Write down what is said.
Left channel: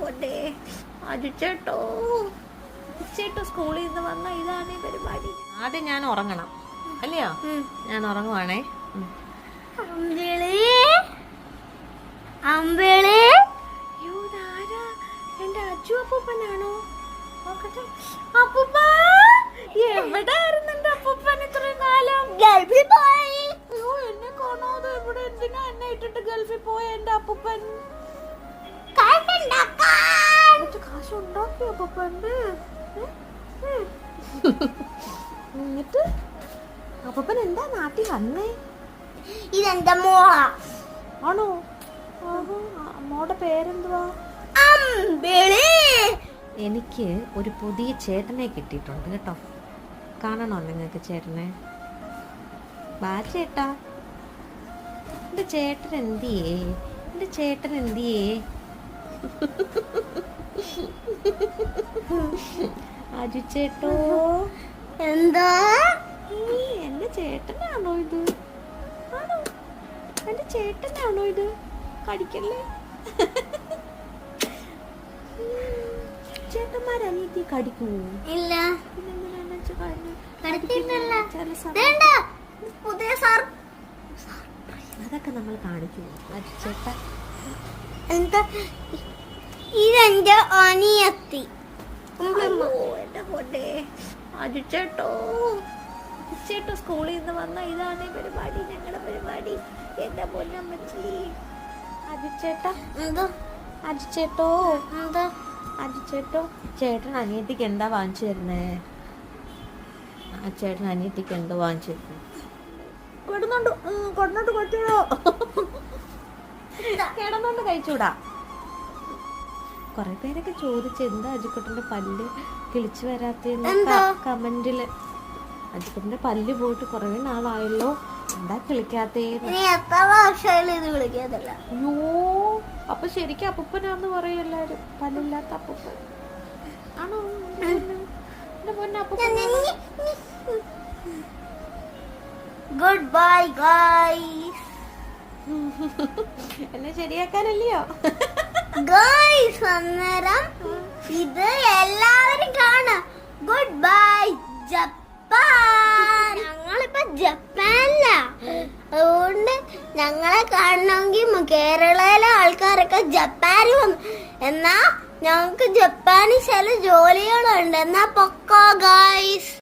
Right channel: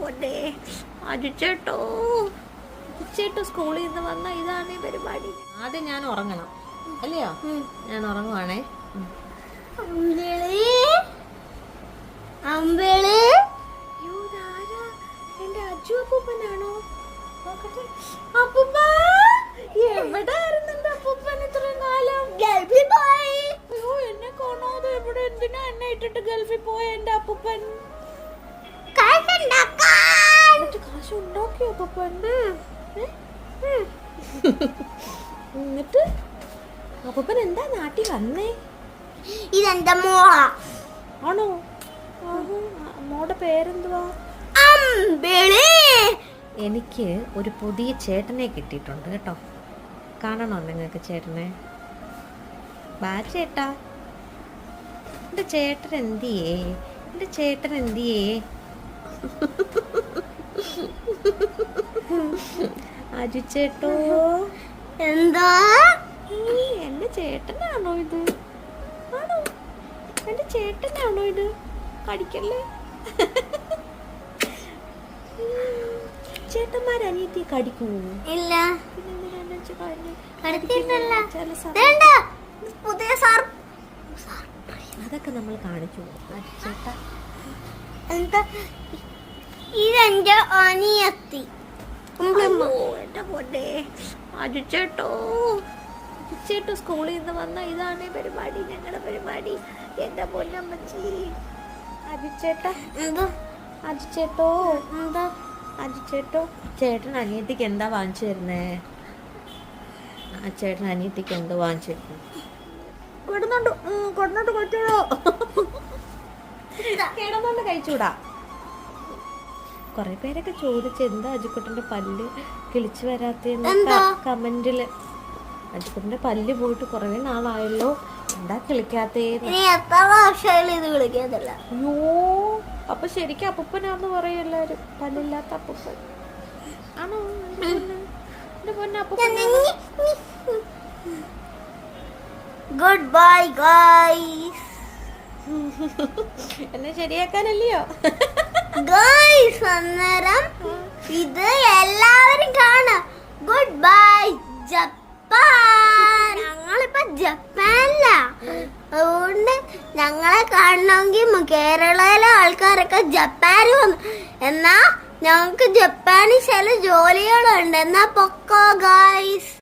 പൊന്നെ അജിച്ചേട്ടോ ചേട്ടോ സ്കൂളിൽ നിന്ന് വന്ന ഇതാണ് ഈ പരിപാടി. ആദ്യം ഞാൻ ഉറങ്ങണം അല്ലയോ? ഞാൻ ഉറങ്ങുവാണേ. എന്റെ അജു അപ്പൂപ്പനാണോ? നോക്കട്ടെ. അപ്പൂപ്പ എവിടെയായിരുന്നു എന്റെ അപ്പൂപ്പൻ ഇത്രയും കാലം? ഗൾഫിൽ പോയി. അയ്യോ, എന്നെ കാണാതെ ഇവിടെ എന്തിനാ എന്നെ ഇട്ടിട്ട് ഗൾഫിൽ പോയ എന്റെ അപ്പൂപ്പൻ? കാശ് ഉണ്ടാക്കിയോ അപ്പൂപ്പണ്ട്? എന്നിട്ട് അപ്പൂപ്പൻ എന്താ നാട്ടിൽ വന്നേ? ഇതെന്താ മോള ആണോ? മോടെ പേരെന്തുവാ? എനിക്ക് ഒരു പുതിയ ചേട്ടനെ കിട്ടിയിട്ടുണ്ട് കേട്ടോ. കാണണോ നിങ്ങൾക്ക് ചേട്ടനെ? ബാ ചേട്ടാ. എന്റെ ചേട്ടൻ എന്തിയേ? എന്റെ ചേട്ടൻ എന്തിയേ? അജിച്ചേട്ടോ എന്താ? എന്റെ ചേട്ടനാണോ ഇത്? ആണോ? എന്റെ ചേട്ടനാണോ ഇത്? കടിക്കല്ലേ. ചേട്ടന്മാരനിയത്തി കടിക്കുമോ? ഇല്ല. അതൊക്കെ നമ്മൾ കാണിച്ചു. ചേട്ടാ ഇതെന്റെ അനിയത്തി. എന്റെ പൊന്നെ അജിച്ചേട്ടോ ചേട്ടോ സ്കൂളിൽ നിന്ന് വന്ന ഇതാണ് ഈ പരിപാടി, ഞങ്ങളുടെ പരിപാടി. എന്റെ പൊന്നമ്മച്ചി അജിച്ചേട്ടാ. അജിച്ചേട്ടോ അജിച്ചേട്ടോ ചേട്ടൻ അനിയത്തിക്ക് എന്താ വാങ്ങിച്ചു തരുന്നേ? ആ ചേട്ടൻ അനിയത്തിക്ക് എന്തോ വാങ്ങിച്ചു തരുന്നു? കൊടുന്നോണ്ട് കൊച്ചോ കിടന്നോണ്ട് കഴിച്ചൂടാ. കൊറേ പേരൊക്കെ ചോദിച്ചു എന്താ അജിക്കുട്ടന്റെ പല്ല് കിളിച്ചു വരാത്ത കമന്റില്. അജിക്കുട്ടന്റെ പല്ല് പോയിട്ട് കൊറേ നാളായല്ലോ, എന്താ കിളിക്കാത്തേ? അയ്യോ, അപ്പൊ ശരിക്കും അപ്പൂപ്പനാന്ന് പറയും എല്ലാരും. പല്ലില്ലാത്ത അപ്പൂപ്പൻ ആണോ? എന്റെ പൊന്നെ അപ്പൂപ്പൻ. Good bye guys. എന്നെ ശരിയാക്കാനല്ലയോ ഗൈസ്? അന്നേരം ഇത് എല്ലാവരും കാണാം. Good bye Japan. ഞങ്ങളിപ്പോ ജപ്പാനില, അതുകൊണ്ട് ഞങ്ങളെ കാണണമെങ്കിൽ കേരളയിലെ ആൾക്കാരൊക്കെ ജപ്പാനിൽ വന്നു. എന്നാ ഞങ്ങൾക്ക് ജപ്പാനിൽ ചില ജോലികളുണ്ട്. എന്നാ പൊക്കോ ഗൈസ്.